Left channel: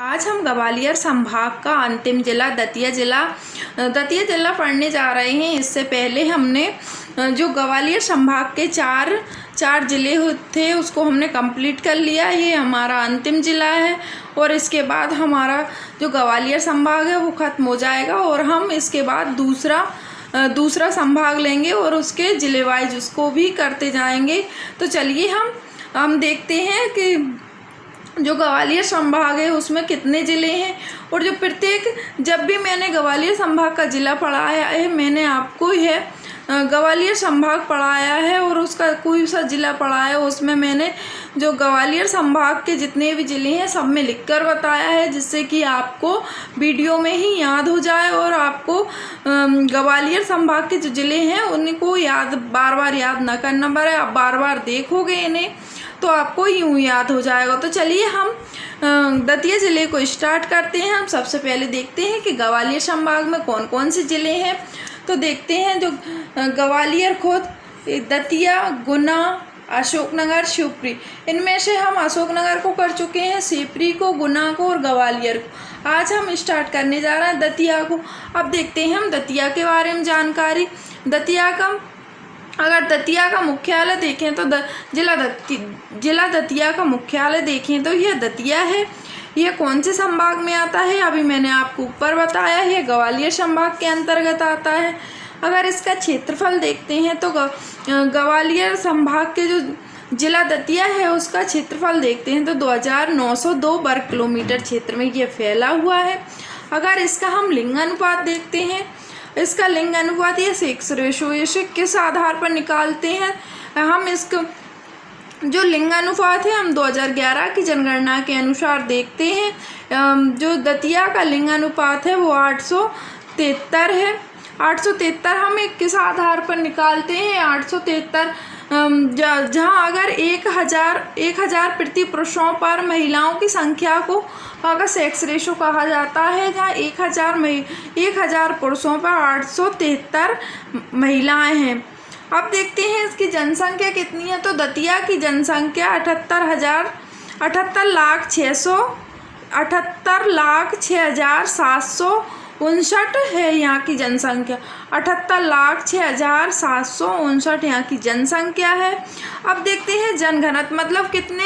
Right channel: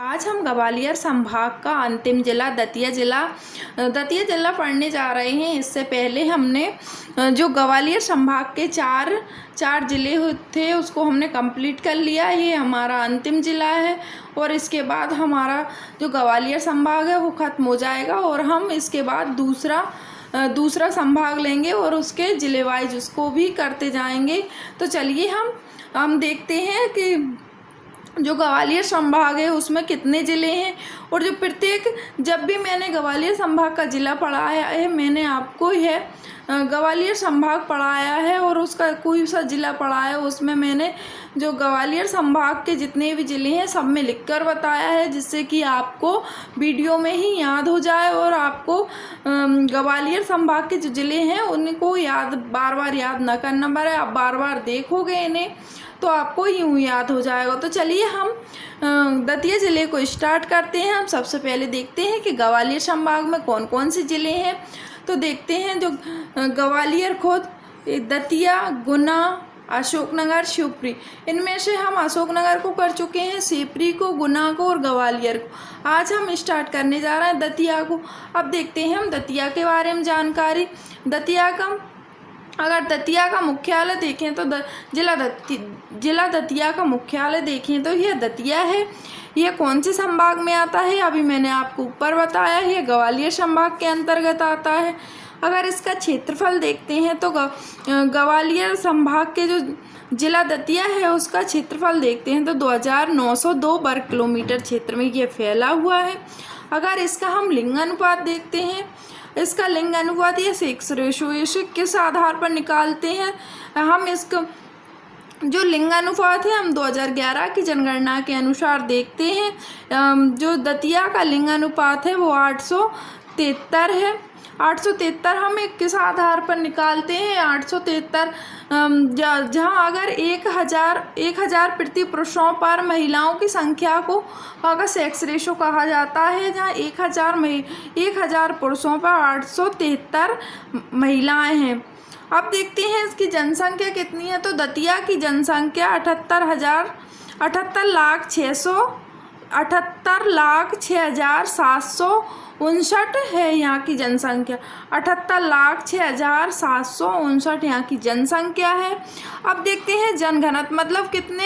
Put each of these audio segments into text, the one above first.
आज हम ग्वालियर संभाग का अंतिम जिला दतिया जिला पढ़ने जा रहे हैं। इससे पहले हमने जो ग्वालियर संभाग के चार ज़िले थे उसको हमने कंप्लीट कर लिया। ये हमारा अंतिम ज़िला है और इसके बाद हमारा जो ग्वालियर संभाग है वो ख़त्म हो जाएगा और हम इसके बाद दूसरा संभाग लेंगे और उसके ज़िले वाइज उसको भी करते जाएंगे। तो चलिए हम देखते हैं कि जो ग्वालियर संभाग है उसमें कितने ज़िले हैं और जो जब भी मैंने ग्वालियर संभाग का ज़िला पढ़ाया है मैंने आपको यह ग्वालियर संभाग पढ़ाया है और उसका कोई सा ज़िला पढ़ाया है उसमें मैंने जो ग्वालियर संभाग के जितने भी ज़िले हैं सब में लिखकर बताया है, जिससे कि आपको वीडियो में ही याद हो जाए और आपको ग्वालियर संभाग के जो ज़िले हैं उनको बार बार याद ना करना पड़े। आप बार बार देखोगे इन्हें तो आपको यूँ याद हो जाएगा। तो चलिए हम दतिया ज़िले को स्टार्ट करते हैं। हम सबसे पहले देखते हैं कि ग्वालियर संभाग में कौन कौन से ज़िले हैं। तो देखते हैं जो ग्वालियर खुद, दतिया, गुना, अशोकनगर, शिवपुरी, इनमें से हम अशोकनगर को कर चुके हैं, शिवपुरी को, गुना को और ग्वालियर को। आज हम स्टार्ट करने जा रहे हैं दतिया को। अब देखते हैं हम दतिया के बारे में जानकारी। अगर दतिया का मुख्यालय देखें तो जिला दतिया का मुख्यालय देखें तो यह दतिया है। यह कौन से संभाग में आता है अभी मैंने आपको ऊपर बताया है, यह ग्वालियर संभाग के अंतर्गत आता है। अगर इसका क्षेत्रफल देखते हैं तो ग्वालियर संभाग के जो जिला दतिया है उसका क्षेत्रफल देखते हैं तो 2902 वर्ग किलोमीटर क्षेत्र में यह फैला हुआ है। अगर इसका हम लिंगानुपात देखते हैं, इसका लिंग अनुपात ये 6:1 किस आधार पर निकालते हैं हम इसका जो लिंग अनुपात है हम 2011 की जनगणना के अनुसार देखते हैं। जो दतिया का लिंग अनुपात है वो 873 है। 873 हम किस आधार पर निकालते हैं 873 जहाँ अगर 1000 प्रति पुरुषों पर महिलाओं की संख्या को अगर सेक्स रेशो कहा जाता है, जहाँ 1000 पुरुषों पर 873 महिलाएं हैं। अब देखते हैं इसकी जनसंख्या कितनी है। तो दतिया की जनसंख्या 78,06,759 है यहाँ की जनसंख्या। 78,06,759 यहाँ की जनसंख्या है। अब देखते हैं जनघनत्व, मतलब कितने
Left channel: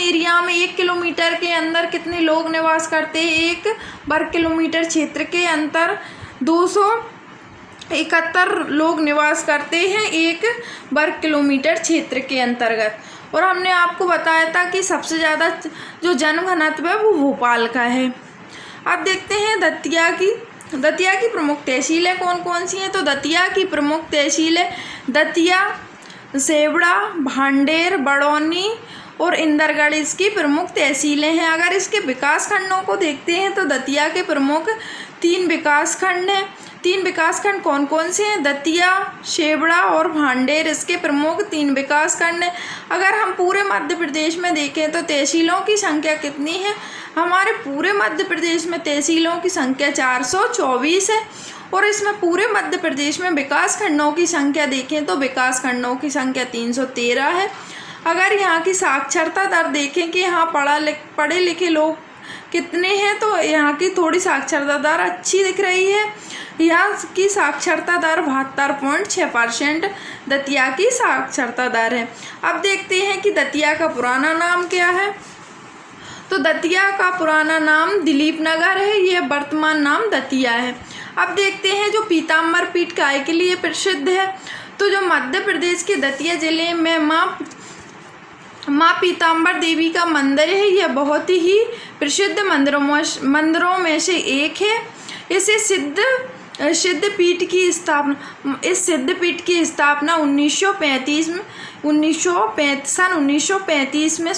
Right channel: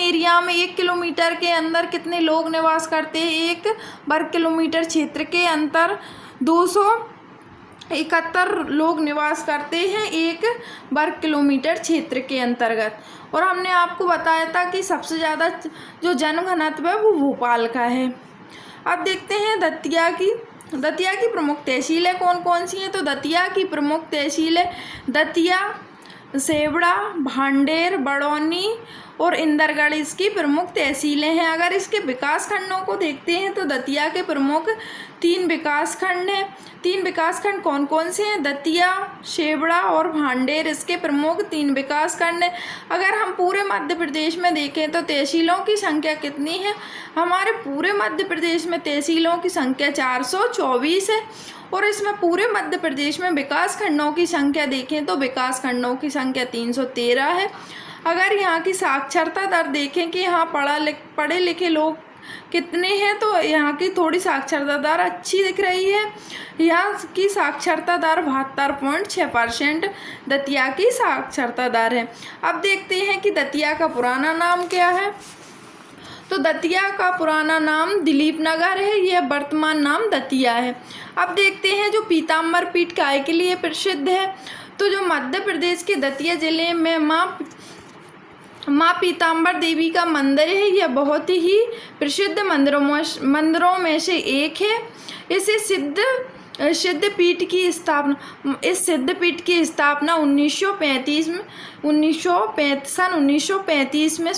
एरिया में 1 किलोमीटर के अंदर कितने लोग निवास करते हैं। 1 वर्ग किलोमीटर क्षेत्र के अंदर 271 लोग निवास करते हैं 1 वर्ग किलोमीटर क्षेत्र के अंतर्गत। और हमने आपको बताया था कि सबसे ज़्यादा जो जनघनत्व है वो भोपाल का है। अब देखते हैं दतिया की प्रमुख तहसीलें कौन कौन सी हैं। तो दतिया की प्रमुख तहसीलें दतिया, सेवड़ा, भांडेर, बड़ौनी और इंदरगढ़ इसकी प्रमुख तहसीलें हैं। अगर इसके विकास खंडों को देखते हैं तो दतिया के प्रमुख 3 विकास खंड हैं। 3 विकास खंड कौन कौन से हैं? दतिया, सेवड़ा और भांडेर इसके प्रमुख 3 विकास खंड हैं। अगर हम पूरे मध्य प्रदेश में देखें तो तहसीलों की संख्या कितनी है? हमारे पूरे मध्य प्रदेश में तहसीलों की संख्या 424 है और इसमें पूरे मध्य प्रदेश में विकास खंडों की संख्या देखें तो विकास खंडों की संख्या 313 है। अगर यहाँ की साक्षरता दर देखें कि यहाँ पढ़े लिखे लोग कितने हैं तो यहाँ की थोड़ी साक्षरता दर अच्छी दिख रही है। यहाँ की साक्षरता दर 72.6% दतिया की साक्षरता दर है। अब देखते हैं कि दतिया का पुराना नाम क्या है। तो दतिया का पुराना नाम दिलीप नगर है, यह वर्तमान नाम दतिया है। अब देखते हैं जो पीताम्बर पीठ काय के लिए प्रसिद्ध है। तो जो मध्य प्रदेश के दतिया जिले में माँ पीताम्बर देवी का मंदिर है, यह बहुत ही प्रसिद्ध मंदिरों में से एक है। इस सिद्धपीठ की स्थापना 1935 में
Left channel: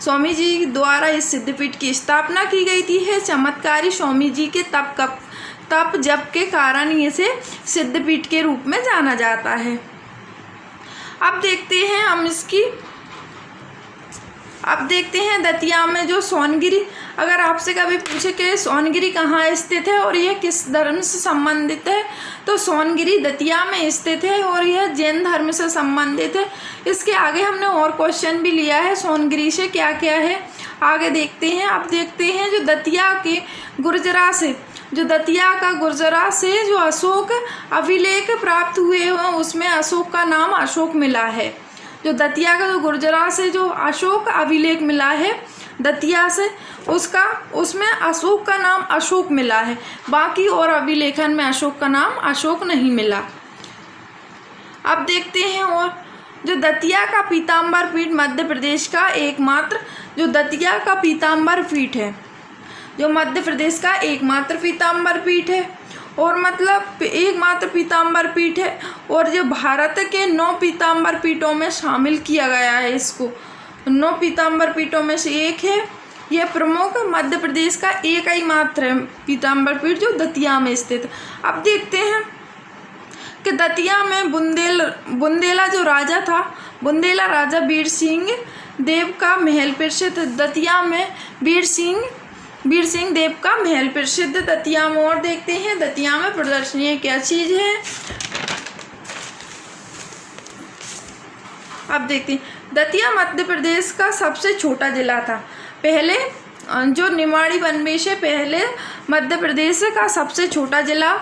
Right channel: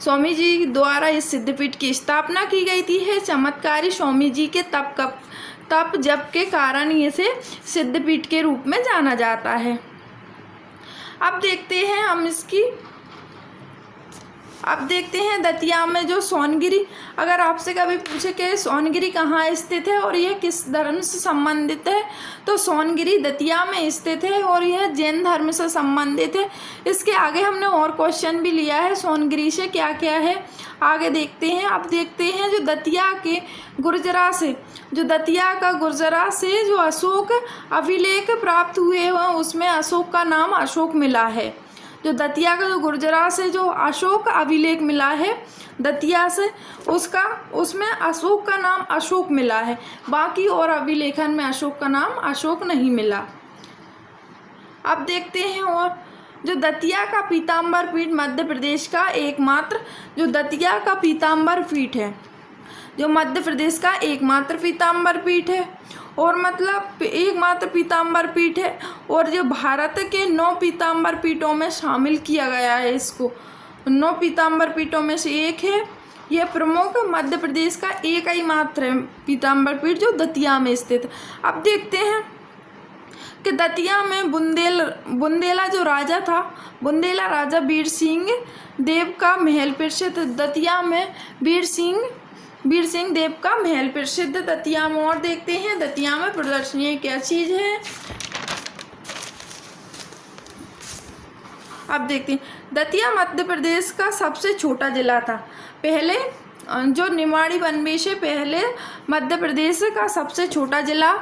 स्वामी जी द्वारा इस सिद्धपीठ की स्थापना की गई थी। चमत्कारी स्वामी जी के तप जप के कारण इसे सिद्धपीठ के रूप में जाना जाता है। अब देखते हैं दतिया में जो सोनगिरी, अगर आपसे कभी पूछे कि सोनगिरी कहाँ स्थित है और ये किस धर्म से संबंधित है, तो सोनगिरी दतिया में स्थित है और यह जैन धर्म से संबंधित है। इसके आगे हमने और क्वेश्चन भी लिया है सोनगिरी से क्या क्या है, आगे देखते हैं। अब देखते हैं जो दतिया के गुर्जरा से, जो दतिया का गुर्जरा से जो अशोक अभिलेख प्राप्त हुए हैं उसमें अशोक का नाम अशोक मिला है। जो दतिया का जो गुर्जरा से जो अशोक अभिलेख मिला है दतिया से, उसमें अशोक का नाम अशोक मिला है, बाकी और अभिलेखन में अशोक का नाम अशोक नहीं मिला। अब देखते हैं और जो दतिया का पीताम्बर पीठ मध्य प्रदेश का एकमात्र, जो दतिया का पीताम्बर पीठ है जो मध्य प्रदेश का एकमात्र पीताम्बर पीठ है, और मतलब एकमात्र पीताम्बर पीठ है, और जो भारत के 9 पीताम्बर पीठों में शामिल किया गया है। इसको 9 पीताम्बर पीठों में से एक है। यह प्रमुख मध्य प्रदेश का एक ही मात्र है पीताम्बर पीठ जो दतिया में स्थित है। अब देखते हैं कि दतिया में बुंदेला जो राजा था, बुंदेला राजा वीर सिंह देव का महल प्रसिद्ध दतिया में, वीर सिंह देव का महल प्रसिद्ध दतिया में। और देखते हैं दतिया में प्रदर्शनी क्या चीज़ है। अब देखते हैं दतिया मध्य प्रदेश का सबसे छोटा जिला था। पहले जो निमाड़ी वनवेश है, पहले मध्य प्रदेश का सबसे छोटा जिला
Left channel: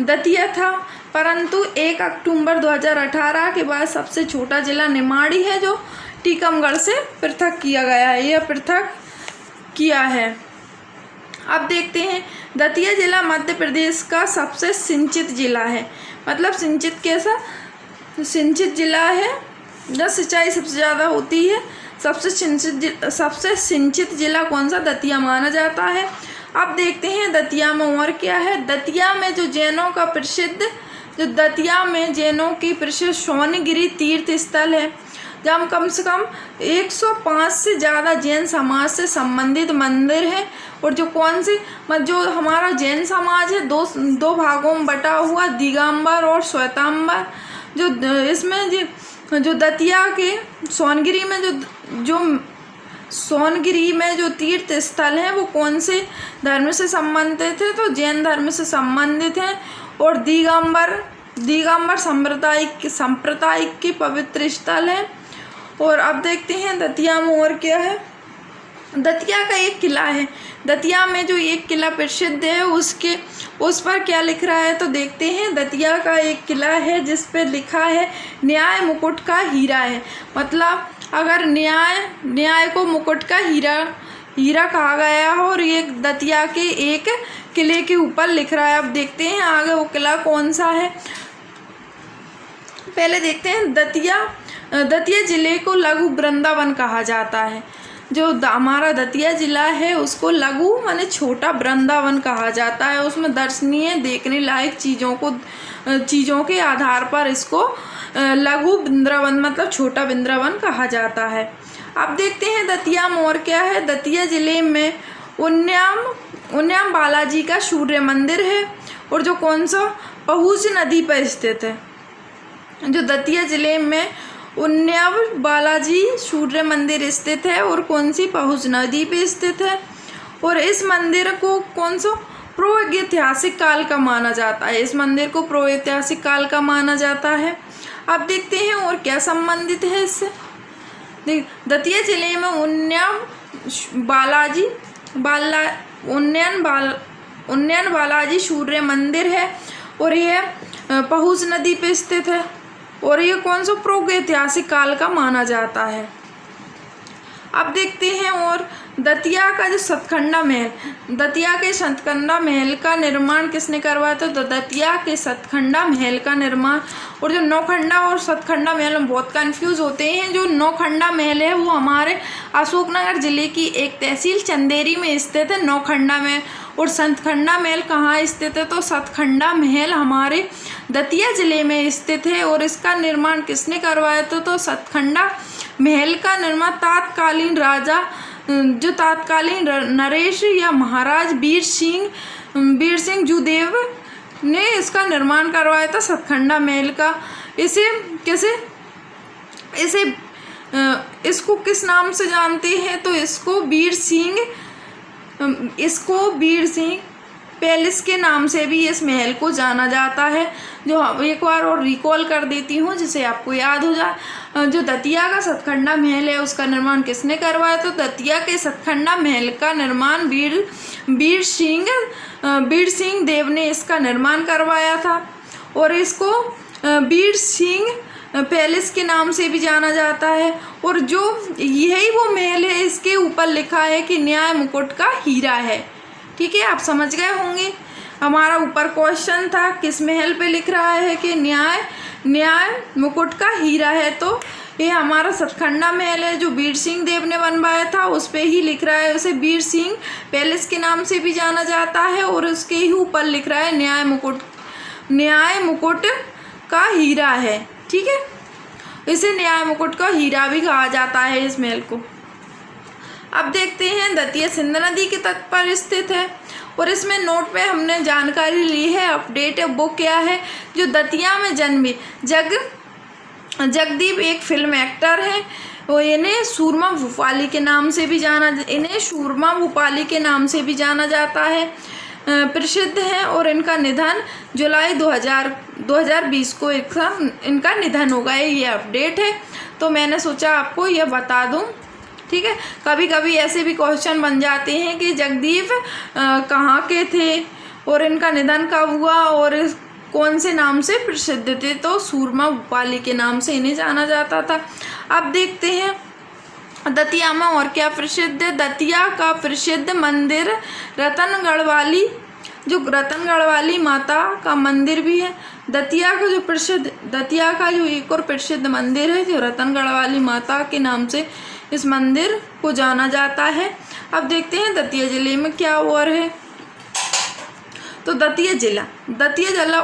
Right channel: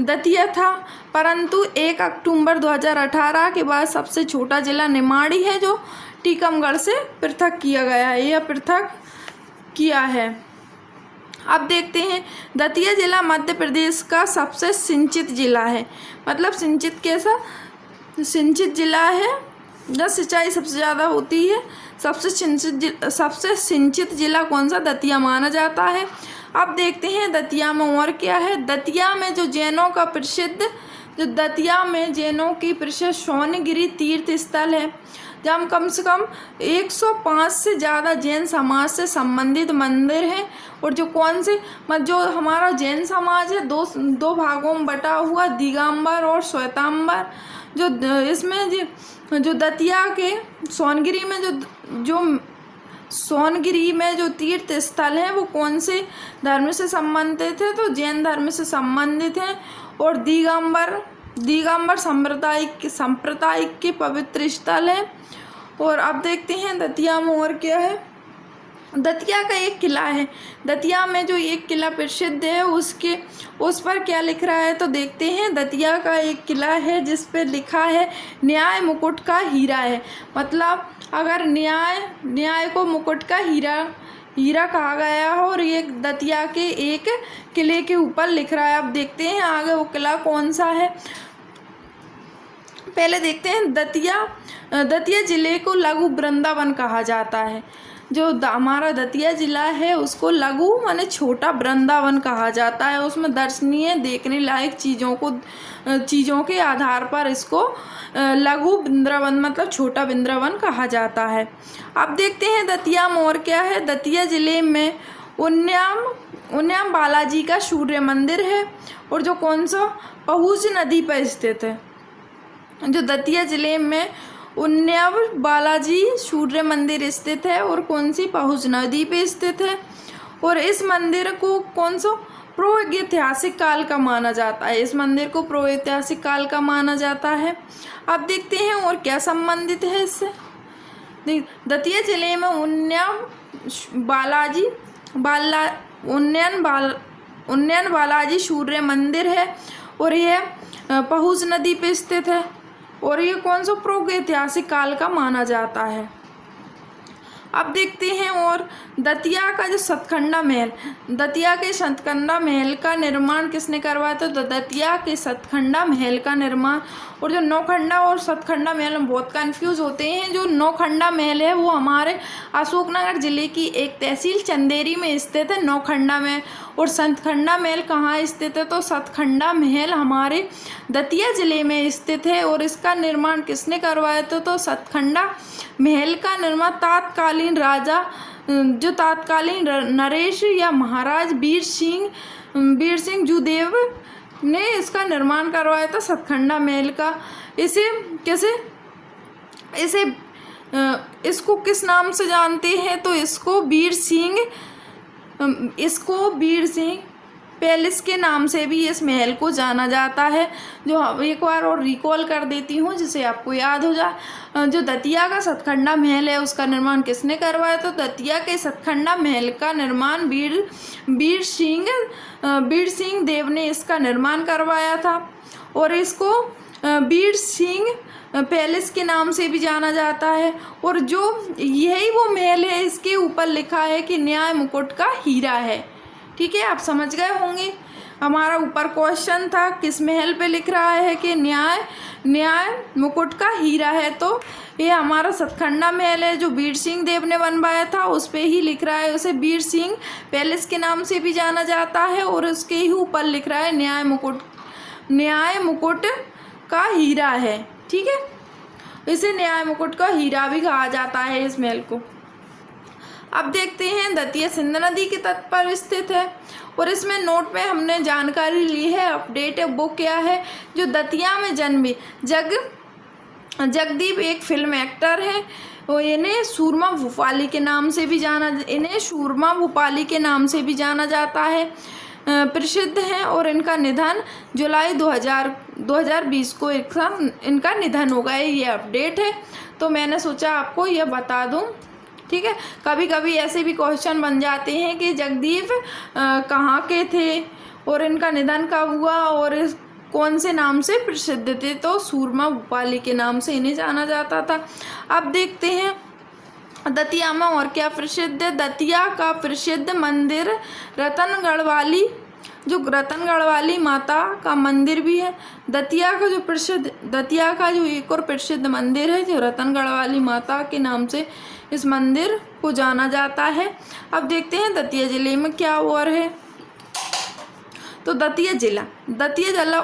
दतिया था, परंतु 1 अक्टूबर 2018 के बाद सबसे छोटा जिला निमाड़ी है जो टीकमगढ़ से पृथक किया गया है, यह पृथक किया है। अब देखते हैं दतिया जिला मध्य प्रदेश का सबसे सिंचित जिला है। मतलब सिंचित कैसा, सिंचित जिला है जहाँ सिंचाई सबसे ज़्यादा होती है। सबसे सिंचित जिला कौन सा, दतिया माना जाता है। अब देखते हैं दतिया में और क्या है। दतिया में जो जैनों का प्रसिद्ध, जो दतिया में जैनों की प्रसिद्ध सोनगिरी तीर्थ स्थल है, जहाँ कम से कम 105 से ज़्यादा जैन समाज से संबंधित मंदिर है। और जो कौन से, जो हमारा जैन समाज है दो भागों में बटा हुआ, दिगंबर और श्वेतांबर। जो इसमें जो दतिया के सोनगिरी में जो तीर्थ स्थल हैं वो कौन से धर्म से संबंधित है, तो जैन धर्म से संबंधित हैं। और दिगंबर संप्रदाय के पवित्र स्थल है। और अब देखते हैं दतिया में और क्या है। दतिया का एक किला है, दतिया में जो एक किला प्रसिद्ध है उस पर क्या लिख रहा है, तो देखते हैं। दतिया का एक किला है जिस पर लिखा है न्याय मुकुट का हीरा है। मतलब अगर न्याय को मुकुट का हीरा कहा गया हो, और ये दतिया के एक किले के ऊपर लिख रहा है। अब देखते हैं आगे वो किला कौन सा है। पहले देखते हैं दतिया जिले को लघु वृंदावन कहा जाता है। जो हमारा दतिया जिला है उसको लघु माने छोटा वृंदावन कहा जाता है। उसमें दर्शनीय देखने लायक चीज़ों के आधार पर इसको लघु वृंदावन मतलब छोटा वृंदावन कहा जाता है। अब देखते हैं दतिया में और क्या है। दतिया जिले में उन्याम बालाजी का सूर्य मंदिर है, और जो कौन सा, पहुज नदी पर स्थित है। जो दतिया जिले में उन्याम बालाजी सूर्य मंदिर स्थित है और कौन सी, पहुज नदी पे स्थित है। और इस मंदिर को कौन सा, प्रागैतिहासिक काल का माना जाता है। इस मंदिर को प्रागैतिहासिक काल का माना जाता है। अब देखते हैं और क्या संबंधित है इससे। दतिया जिले में उन्नयन बालाजी सूर्य मंदिर है, और यह पहुज नदी पे स्थित है, और ये कौन सा, प्रागैतिहासिक काल का माना जाता है। अब देखते हैं और दतिया का जो सतखंडा महल, दतिया के सतखंडा महल का निर्माण किसने करवाया था, तो दतिया के सतखंडा महल का निर्माण। और जो नौखंडा और सतखंडा महल में बहुत कंफ्यूज होते हैं। जो नौखंडा महल है वो हमारे अशोकनगर जिले की एक तहसील चंदेरी में स्थित है, नौखंडा महल। और सतखंडा महल कहाँ स्थित है, तो सतखंडा महल हमारे दतिया जिले में स्थित है। और इसका निर्माण किसने करवाया था, तो सतखंडा महल का निर्माण तत्कालीन राजा, जो तत्कालीन नरेश या महाराज वीर सिंह जुदेव ने इसका निर्माण करवाया था सतखंडा महल का। इसको किस नाम से जानते हैं, तो इसको वीर सिंह इसको वीर सिंह पैलेस के नाम से भी इस महल को जाना जाता है। जो एक बार और रिकॉल कर देती हूँ जिसे आपको याद हो जाए। जो दतिया का सतखंडा महल है उसका निर्माण किसने करवाया? तो दतिया के सतखंडा महल का निर्माण वीर सिंह देव ने इसका निर्माण करवाया था। और इसको वीर सिंह पैलेस के नाम से भी जाना जाता है। और जो यही वो महल है, इसके ऊपर लिखा है कि न्याय मुकुट का हीरा है। ठीक है, आप समझ गए होंगे। हमारा ऊपर क्वेश्चन था किस महल पे लिख रहा है कि न्याय मुकुट का हीरा है, तो ये हमारा सतखंडा महल है जो वीर सिंह देव ने बनवाया था, उस पे ही लिख रहा है। उसे वीर सिंह पैलेस के नाम से भी जाना जाता है और उसके ही ऊपर लिख रहा है न्याय मुकुट का हीरा है। ठीक है, इसे न्याय मुकुट का हीरा भी कहा जाता है इस महल को। अब देखते हैं दतिया सिंध नदी के तट पर स्थित है और इसमें नोट में हमने जानकारी ली है, अपडेट है, वो क्या है? जो दतिया में जन्मे जगदीप एक फिल्म एक्टर है। वो इन्हें सूरमा भूपाली के नाम से भी जाना जाता है, प्रसिद्ध है। और इनका निधन जुलाई 2020 को इनका निधन हो गया। ये अपडेट है, तो मैंने सोचा आपको यह बता दूं। ठीक है, कभी कभी ऐसे भी क्वेश्चन बन जाते हैं कि जगदीप कहाँ के थे और इनका निधन कब हुआ और कौन से नाम से प्रसिद्ध थे, तो सूरमा भूपाली के नाम से इन्हें जाना जाता था। अब देखते हैं दतिया में और क्या प्रसिद्ध है। दतिया का प्रसिद्ध मंदिर रतनगढ़ वाली माता का मंदिर भी है। दतिया का जो एक और प्रसिद्ध मंदिर है जो रतनगढ़ वाली माता के नाम से इस मंदिर को जाना जाता है। अब देखते हैं दतिया जिले में क्या और है। तो दतिया जिला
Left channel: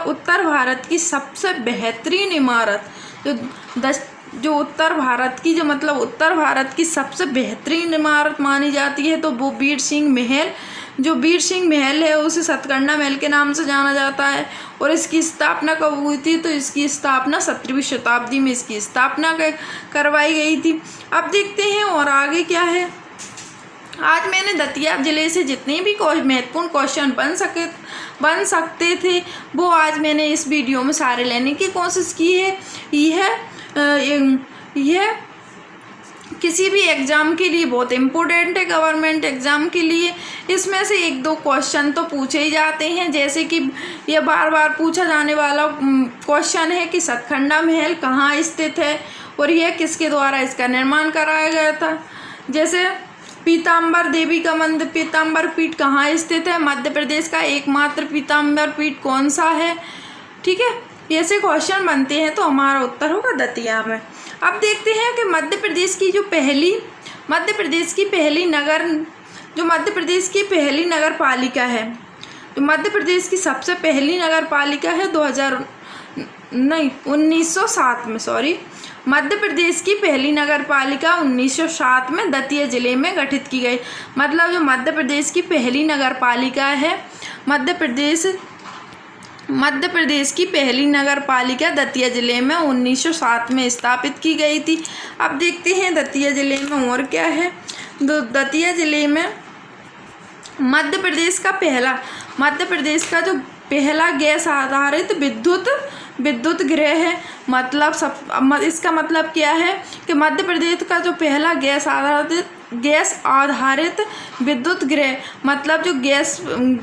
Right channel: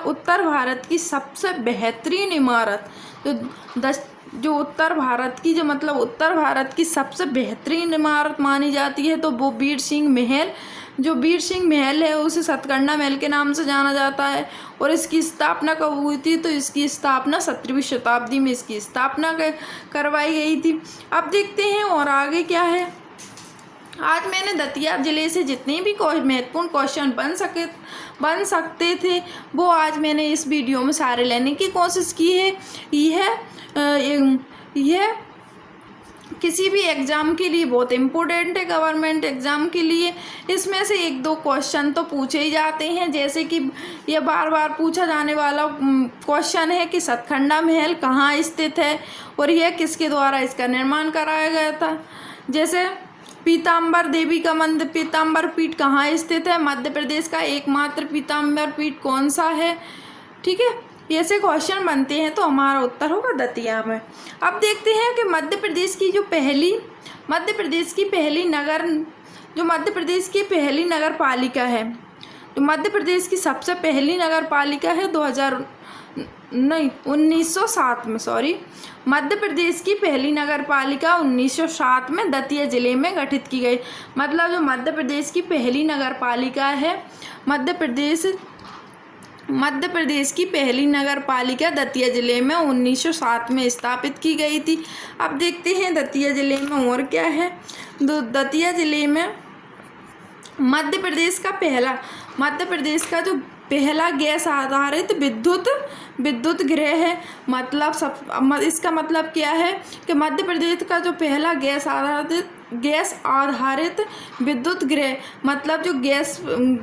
उत्तर भारत की सबसे बेहतरीन इमारत जो उत्तर भारत की सबसे बेहतरीन इमारत मानी जाती है, तो वो वीर सिंह महल है उसे सतखंडा महल के नाम से जाना जाता है। और इसकी स्थापना कब हुई थी? तो इसकी स्थापना 17वीं शताब्दी में इसकी स्थापना करवाई गई थी। अब देखते हैं और आगे क्या है। आज मैंने दतिया जिले से जितने भी महत्वपूर्ण क्वेश्चन बन सकते थे वो आज मैंने इस वीडियो में सारे लेने की कोशिश की है। यह किसी भी एग्ज़ाम के लिए बहुत इम्पोर्टेंट है, गवर्नमेंट एग्ज़ाम के लिए। इसमें से एक दो क्वेश्चन तो पूछे ही जाते हैं, जैसे कि यह बार बार पूछा जाने वाला क्वेश्चन है कि सतखंडा महल कहाँ स्थित है और यह किसके द्वारा इसका निर्माण कराया गया था। जैसे पीताम्बर देवी का मंदिर, पीताम्बर पीठ कहाँ स्थित है? मध्य प्रदेश का एकमात्र पीताम्बर पीठ कौन सा है? ठीक है, ऐसे क्वेश्चन बनते हैं, तो हमारा उत्तर होगा दतिया में। अब देखते हैं कि मध्य प्रदेश की पहली नगर पालिका है, जो मध्य प्रदेश की सबसे पहली नगर पालिका है 1907 में, मध्य प्रदेश की पहली नगर पालिका 1907 में दतिया जिले में गठित की गई। मतलब जो मध्य प्रदेश की पहली नगर पालिका है, मध्य प्रदेश की पहली नगर पालिका दतिया जिले में 1907 में स्थापित की गई थी। अब देखते हैं दतिया जिले में और क्या है। दतिया जिले में मध्य प्रदेश का जो पहला गैस आधारित विद्युत गृह है। इसका मतलब क्या है कि मध्य प्रदेश का जो पहला गैस आधारित विद्युत गृह, मतलब जो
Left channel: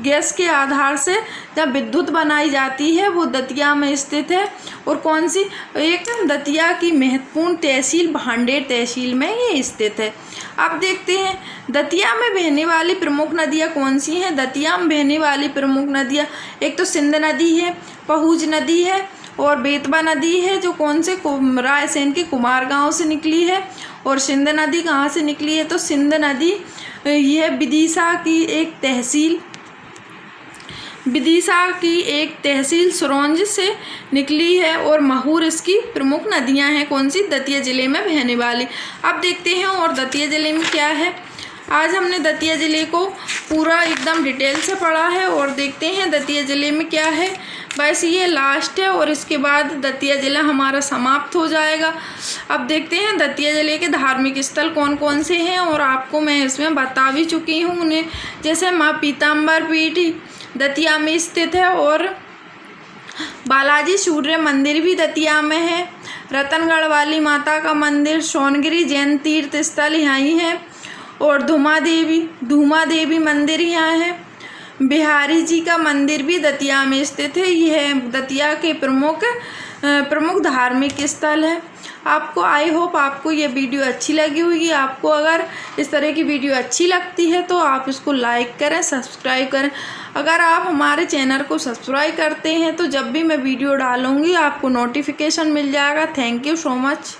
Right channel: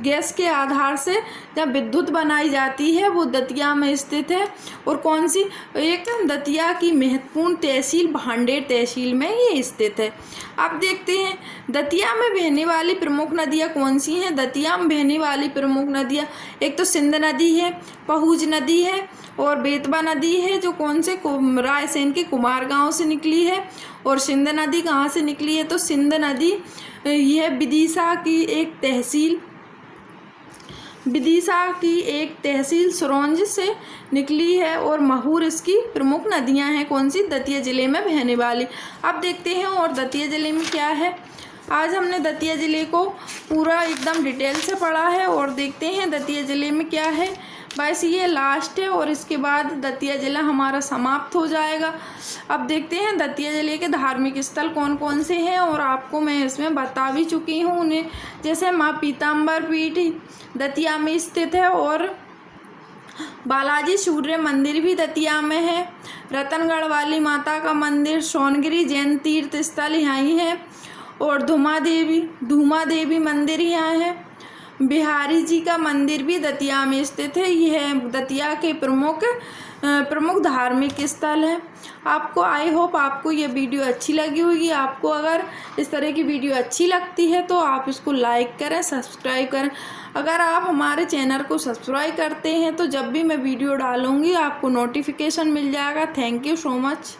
गैस के आधार से जब विद्युत बनाई जाती है वो दतिया में स्थित है। और कौन सी? एक दतिया की महत्वपूर्ण तहसील भांडेर तहसील में ये स्थित है। अब देखते हैं दतिया में बहने वाली प्रमुख नदियाँ कौन सी हैं। दतिया में बहने वाली प्रमुख नदियाँ एक तो सिंध नदी है, पहुज नदी है और बेतवा नदी है, जो कौन से रायसेन के कुमारगांव से निकली है। और सिंध नदी कहाँ से निकली है? तो सिंध नदी यह विदिशा की एक तहसील सुरौंज से निकली है। और महूर इसकी प्रमुख नदियां हैं, कौन सी? दतिया जिले में बहने वाली। अब देखते हैं और दतिया जिले में क्या है। आज हमने दतिया ज़िले को पूरा एकदम डिटेल से पढ़ा है और देखते हैं दतिया ज़िले में क्या है। बस ये लास्ट है और इसके बाद दतिया ज़िला हमारा समाप्त हो जाएगा। अब देखते हैं दतिया ज़िले के धार्मिक स्थल कौन कौन से हैं, और आपको मैं इसमें बता भी चुकी हूँ उन्हें। जैसे माँ पीताम्बर पीठ दतिया में स्थित है, और बालाजी सूर्य मंदिर भी दतिया में है। रतनगढ़ वाली माता का मंदिर, सोनगिरी जैन तीर्थ स्थल यहाँ ही है, और धूमा देवी मंदिर यहाँ है। बिहारी जी का मंदिर भी दतिया में स्थित है। यह दतिया के प्रमुख धार्मिक स्थल है। आपको आई होप आपको ये वीडियो अच्छी लगी होगी। आपको अगर इस तरह की वीडियो अच्छी लगती है तो आप इसको लाइक करें, सब्सक्राइब करें। अगर आप हमारे चैनल को सब्सक्राइब करते हैं तो जब भी मैं वीडियो डालूँगी आपको नोटिफिकेशन मिल जाएगा। Thank you so much.